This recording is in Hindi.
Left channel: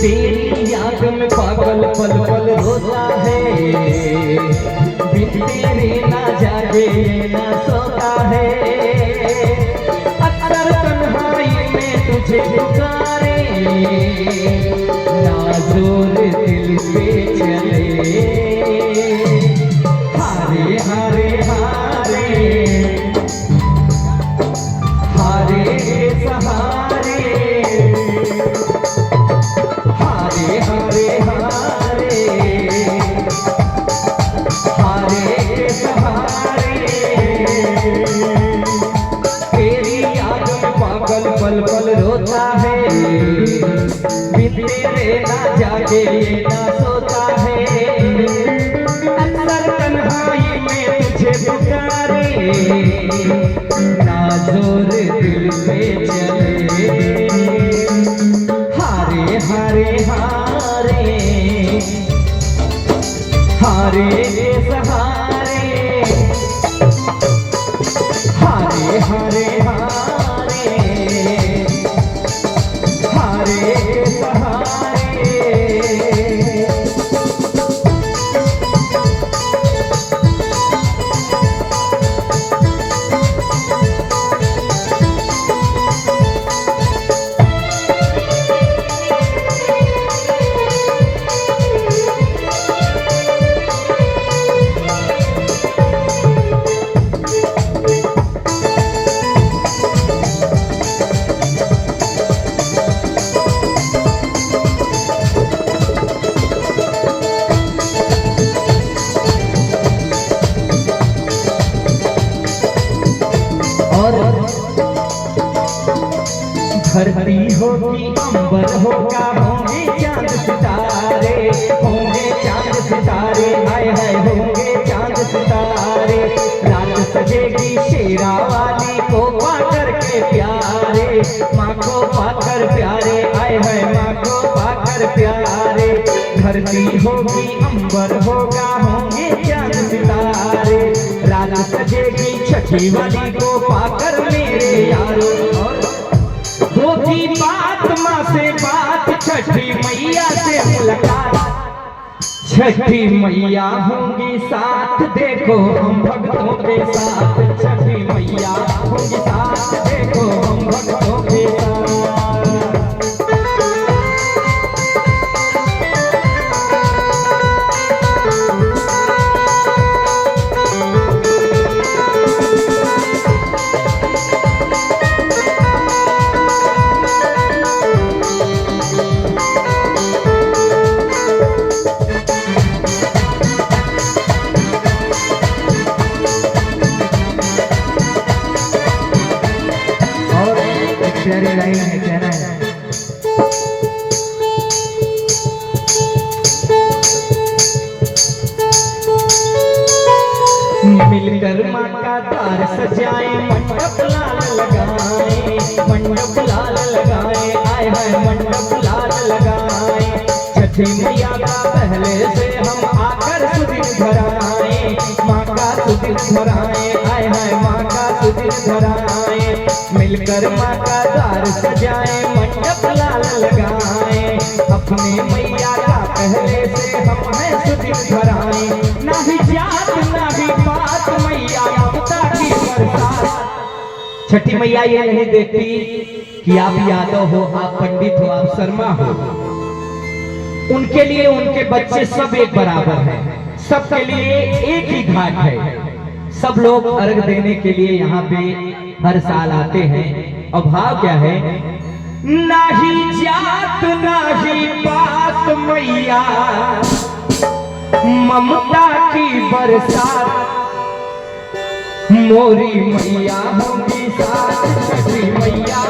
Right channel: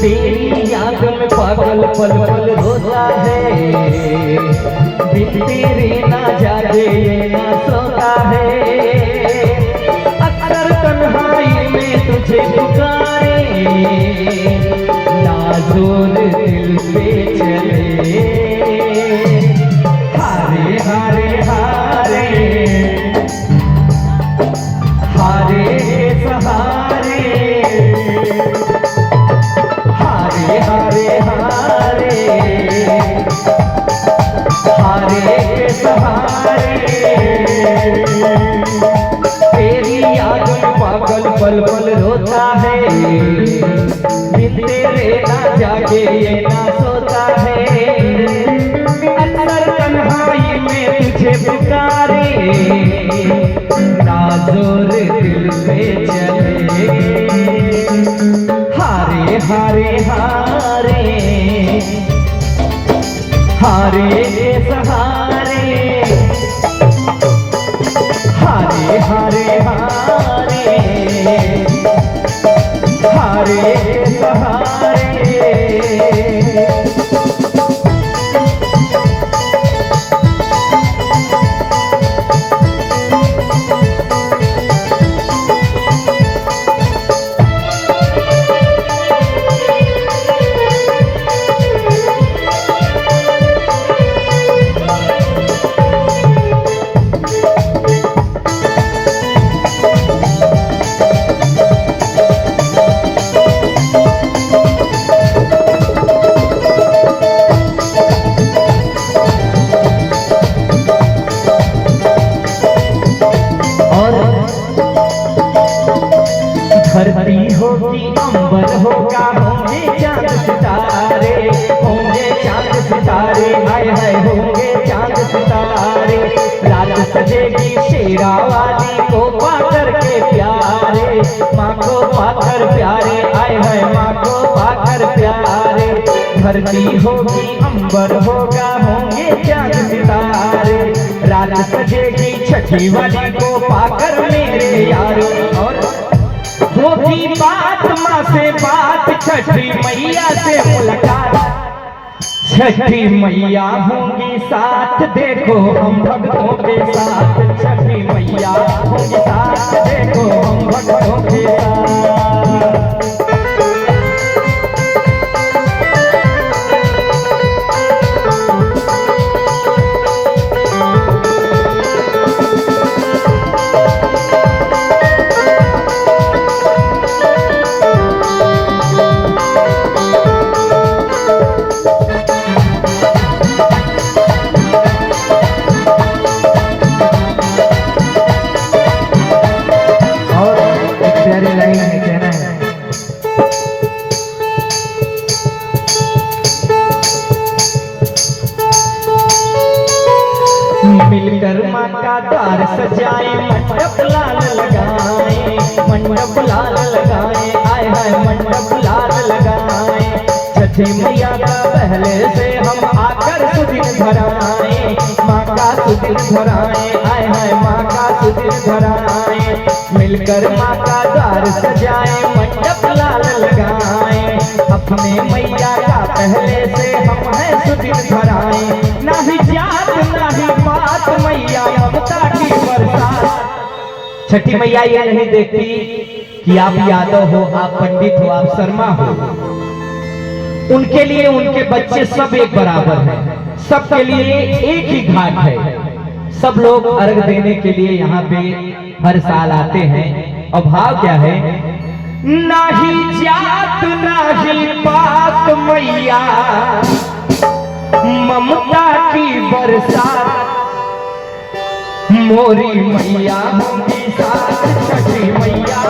तेरी याद में पागल पल पल रोता है, बिन तेरे ना जागे ना सोता है। अक्सर तन्हाई में तुझे पुकारे, ना जोर दिल पे चले। हारे हारे हारे हारे सहारे, हारे हारे हारे हारे के सहारे। तेरी याद में पागल पल पल रोता है, बिन तेरे ना जागे ना सोता है। अंदर तन्हाई में तुझे पुकारे, ना जोर दिल से चले। हारे हारे हारे हारे सहारे, हारे हारे हारे हारे सहारे। धरती होगी अंबर होगा, होंगे चांद सितारे, होंगे चांद सितारे, हाय हाय होंगे चांद सितारे। रात सजेगी शेरा वाली को पाकर के प्यारे, माँ को पाकर प्यारे, हाय हाय माँ को पाकर प्यारे। धरती होगी अंबर होगा, होंगे चांद सितारे, रात सजेगी छठी वाली को पाकर मेरे यारो। और होगी बात माँ से बात, छठी मैया से मुलाकात। छठी मैया होंगी साथ, देखो हम भक्तों के साथ। छठी मैया होंगी साथ, देखो हम भक्तों के साथ। मिलकर माँ का द्वार सजाए, मंडप लाल लगाए, मंडप लाल लगाए, आए हाय मंडप लाल लगाए। छठी मैया का पहले से हम आकर सुदिन धराए, माँ का सुदिन धराए, आए हाय माँ का सुदिन धराए। मिलकर माँ का द्वार सजाए, मंडप लाल लगाए, अपने मैया का पहले से हम हैं सुदिन धराए। ना ही जात ना ही बात, मैया ममता की बरसात। छठी मैया ये नहीं देखती कि आप यादव हो, आप पंडित हो, आप शर्मा हो। उनके लिए उनके बच्चे सब एक बराबर हैं, सबके लिए एक ही घाट है। सब लोग अर्घ देने के लिए यहाँ पे हर साल आते हैं। और भाव क्या है? ना ही जात ना ही बात, मैया ममता की बरसात। मोरी मैया होंगी साथ, छठी मैया